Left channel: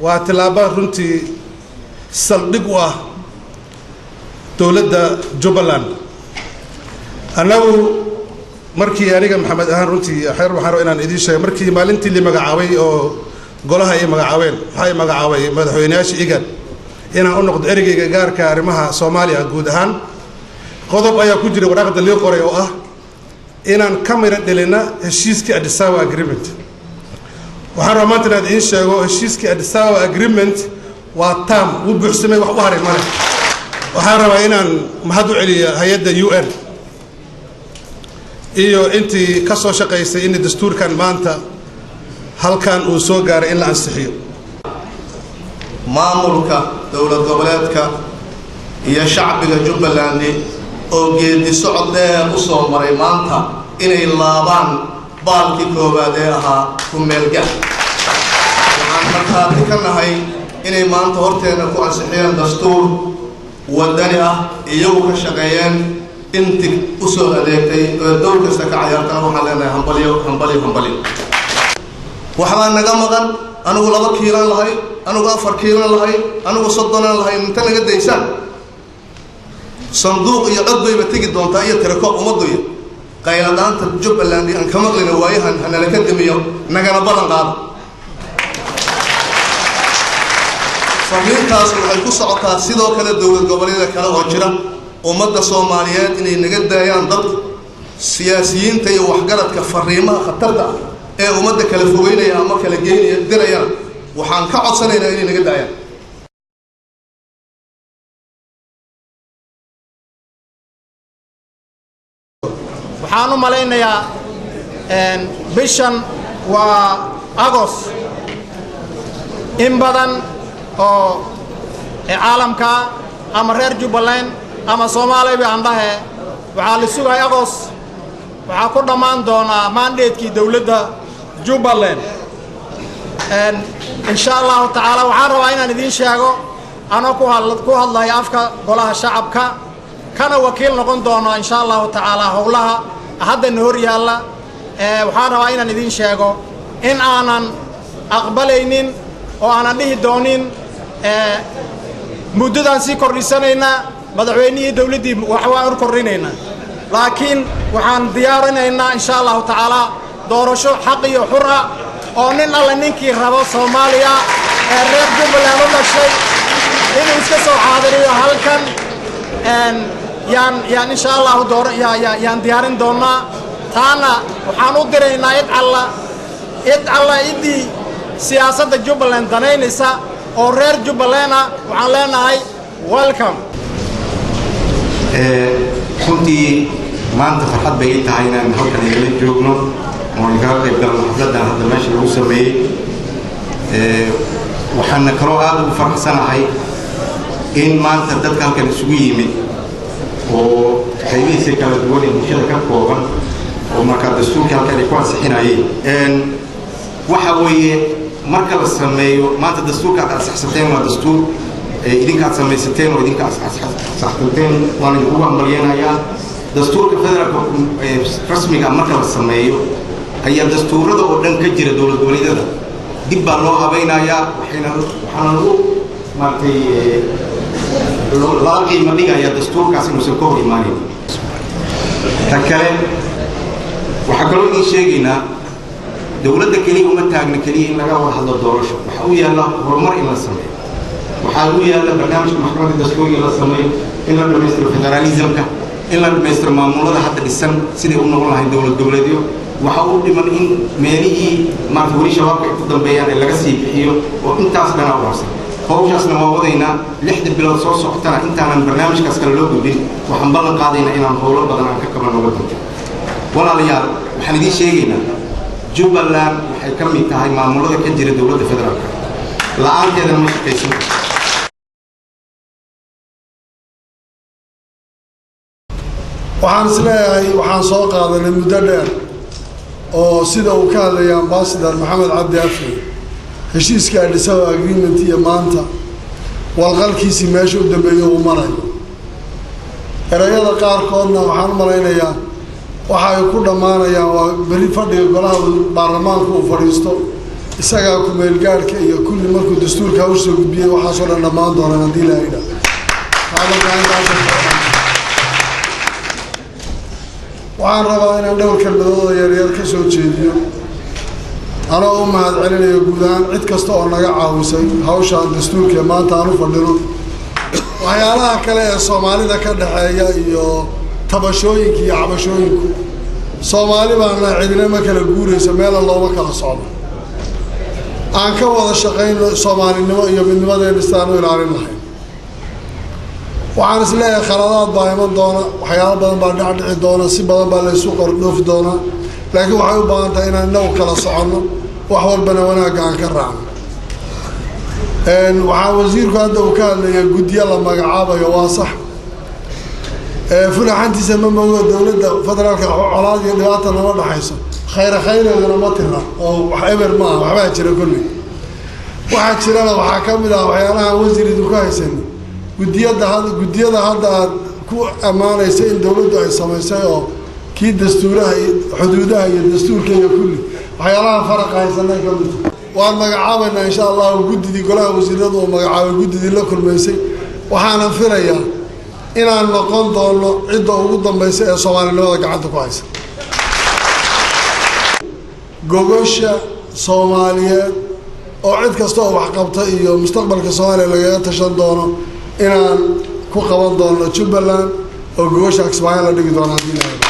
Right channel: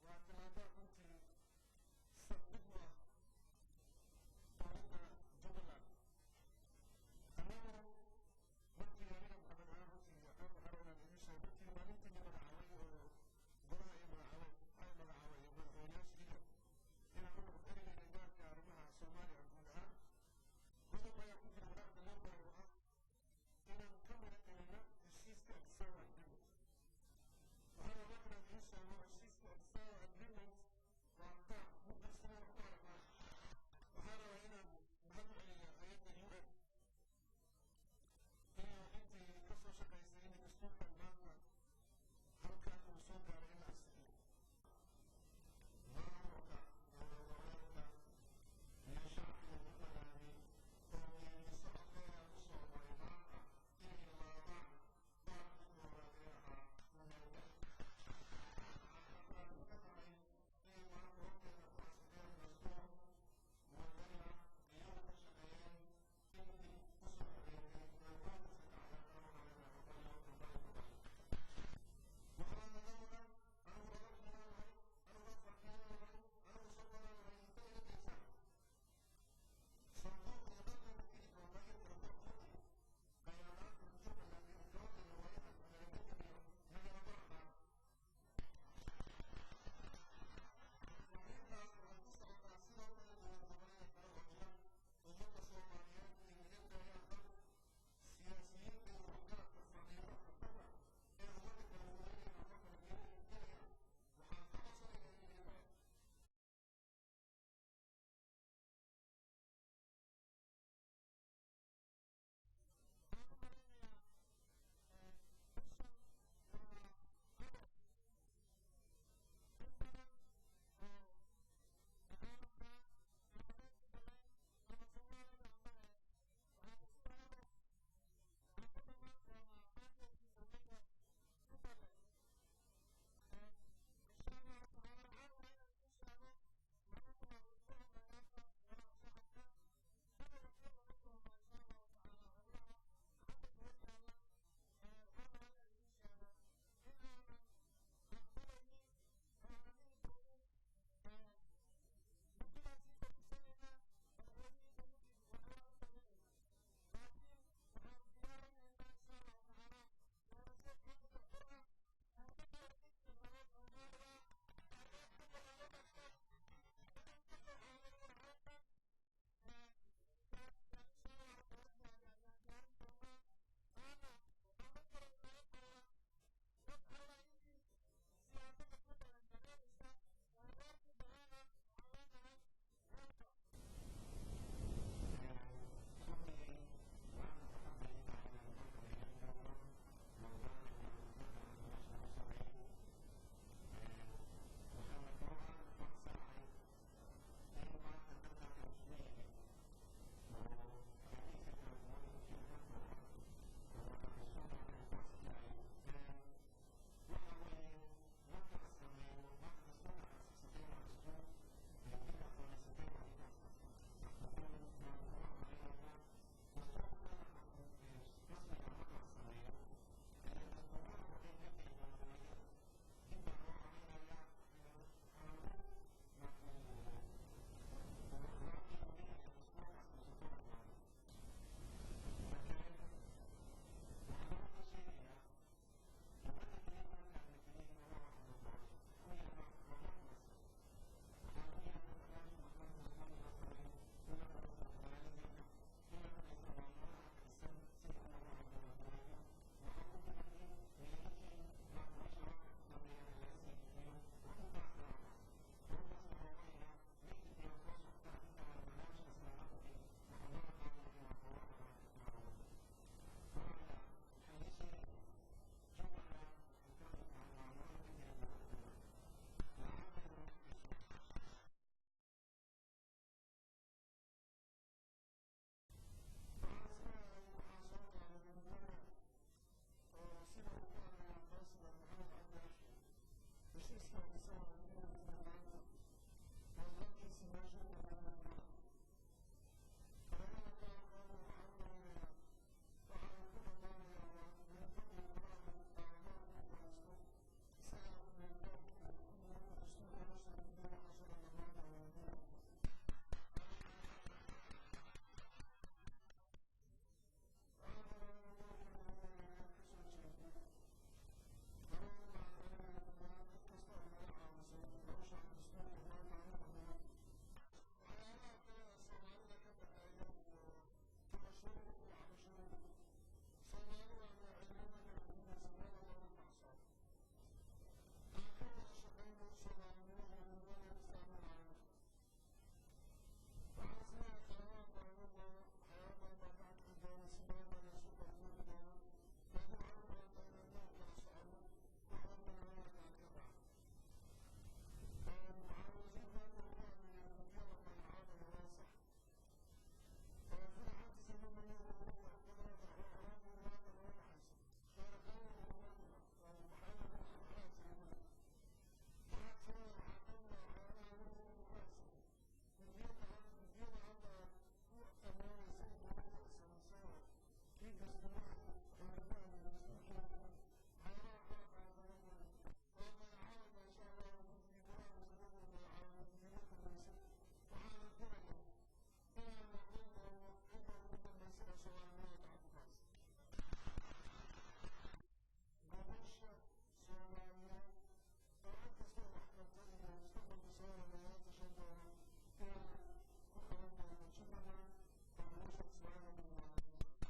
واتلابا رنتي سلدقوا دولة جبلان أنا مركي أنا محمد أهان رنتي حير وحرو إن إدي شيء مركي مالنتي اللي مجعوي أو قولها إيه مجعوين هاي مجعوي مدحوناش إيجاد إنا أنقد إرجع جار كارمها سوماليا جودهان قضب أيا كوجري ورقة اللي يقرأ أو إنا كاميرا دلنا هشيسكي أدساوا أجريمنت وحرو ما تناد إيش هو هشيسكي أدساوا أجريمنت وتام وبحسمه وحواري ماله وحرو إنا مهدو علي هيدا UN إيو أنتي كسر شقيسة إن الدستور كان مانتا هل كان وسوقار إلا أنسحيو maamulka dawlad goboleedka iyo shacbiga Jubbaland oo geedi socod dheer u soo maray maanta inay laabaan baalkii koowaad ee ahaa ku meelgaar waxaan markaati ka nahay inay maanta horteena ku ansixiyeen dastuur wadani ah iyagu ka shaqeeyeen intii u soo adeegtay dowr kasta ka ciyaartana waxaan leenahay hambaliyo waxbaa naga maqan anigu 2 kiilan lahay anigu 4 kiilan lahay anigu 30 lahay inta laga deysaan sanduuq iyo cod bay tagi doontaa iyo tirako umadoya qayladaanta Jubbaland aan ka maqlina waayahan hana la ka damiyo nagana balan qaado fariintaas waxay ku socotaa sidoo kale dawlad goboleedka kale oo jira ummadda Soomaaliyeed inay naga daayaan dad siyaasiyiinta iyo waxgaradka fariimaha khatarta ee ummadda kala fogeynaya ama kala geynaya dirayaan waxaan ka codsanaynaa inay naga daayaan waxaan u malaynayaa bishan waa August in badan oo caalamka ama reer Jubbaland ama Soomaaliya aan dhahay waxaa la sugay August waxaa ku dhamaan doona mandate-kii dawladda Jubbaland insha Allah ta'ala waxaan rabaa inaan idin sheego ana ku hadlayo afka golaha shacabka kana wakiil noqon doona insha Allah ta'ala howlaha hadda hor yaala waxaan rabaa inaan idin sheego in aanan aqbalaynin oo aanan dhihi doonin muddadan si kordhisanayna madaxweynihii dawladii waxaan kordhinayna laakiin waxaan diyaarinaynaa insha Allah ta'ala doorasho xaq iyo xur ah oo nin alla ninkii rabo Soomaaliya ee reer Jubbaland u dhashay inuu iska soo xaadiriyo halkan yaan insha Allah yaan diyaarin doonaa taana waxaan u diraynaa id alla idii siyaasadda Jubbaland danaynaysa oo reer Jubbaland waxaan leenahay welcome runtii maanta farxad bay tahay inaan halkan idinla joogno oo iga qayb galno xafladan hadda meesha lagu sameeyay waxaan kaloo aad ugu faraxsanahay in maanta dadka halkan isugu yimid oo qaybihiisa kala duwan ee bulshada ka kooban oo marka dastuurka halkan ay ku ansixinayeen waxa weeye marka la sameeyo maanta dastuurka aad saxsateen waa dastuur idinka aad samaysateen oo idinka saxsateen waan idinku hambalyeynaya dastuurka federaalka rasmiga marka la sameeyo ayaa dastuurada oo dhan ka jira dawlad goboleedyada dib baa loo habaynayaa waxaana lagu maartay loo qiimo dhigaya dastuurkaas inuusan ka hor imaanin ta kale waxaa kaloo idin sheegaynaa dawladda keliya uma taagna keliya in laga wada hadlo doorasho waxa u yaalla horumar in la sameeyo waxaa u yaalla barnaamijka maxkamadda dastuuriga la sameeyo in la dhammaystiro federalismka in la dhammaystiro maamulada hadda dhisan siday u noqon lahayn dawlad goboleedyo waxa uu dhiman in meelihii maarta weli shabaabka ay ku dambeeyaan ee laga sii bixiyo oo intaas dhana u harsan hawshaasna waa wadaynaa 6 bilood soo socotana intaanan barnaamijkaas kale loo gudbin waxaan ballan qaadaynaa inaan howlo badan aan ka qabanno waddanka walaalayaal waxaan idiin sheegaynaa Jubbaland waxay ka mid tahay maamulada ka jira dawladda federaalka la'aanteedana ma shaqaysan waxaan isleeyahay waxaan soo qaadanay muddo dheer oo sida uu ka hadlaya ambassador Maxamed Cabdi Afri heshiiska Addis Ababa agreement iyo maanta walqalkiisii meesha u dambeeyay uu maray erayada qaarkoodna waxaan malaynayaa waxa ay ku dhamaanayaan waa bari fadhiga golaha baarlamaanka uu fadhiisto isagaa ku-meelgaadhka iyo kulli markuu dastuurka hawsha gudbiyey waxaasoo dhan dhammaan doonaan haddii la yidha waxaan rabaa inaan dhowr kelmadooda yaryar ka soo jeediyo anoo u mahad celinayo guud ahaan cid kasta oo naga caawisay hawshaan dastuurka maanta aan u fadhino waxyaalaha kale ee soomaalida ka dhexeeya iyo tabashooyinka iyo cabashooyinku soomaali baana cidina ma kala guuraysa meela looma kala socdo aan ka wada shaqayno soomaalinimo iyo midnimadeena istaan u ilaalin lahayn waxaan isleeyahay khaladaad baa iman doona waxyaalo badan baa dhacdhici doona si badan baa laysu qordhoofi doonaa laakiin waxay u baahan tahay inaan inagu kala soconno wax walbana wanaagga aan ka raacno waxaa wasiirku hadda uu ka hadlaya guddiyo la magacaabayo waa sax fulaxantiisa ma mogo dowladda federaalka colaad iyo dhibaata nama dhaxayso khayreedana ma tira oo wax eber ma aha waxbaa jira kolley waxaa jirana waxaa ka mid ah waxyaalaha wasiiridu ka haysani guddiyada hadda aad ku ammaanaysa in dowladdu ay samaysay oo kii dastuuraha iyo xuduudaha iyo dastuurka iyo kulli waxyaalaha faraqa haysanay ka mid waan magacaabaynaa insha allahu guddidii golaha wasiiradu oo magacaabay guddidii la kulmaysay waxaanan filayaa inaan noqon doono cidda ugu dambaysa ee soomaalinimada gacanta ku haysa gogosha soomaaliyeed oo cid kasta oo waxqabta iyo mustaqbalka soomaaliya lagaga tashan doono inaan ku qaban doono Jubbaland oo gogosha Kismaayo la dhigi doono haddii la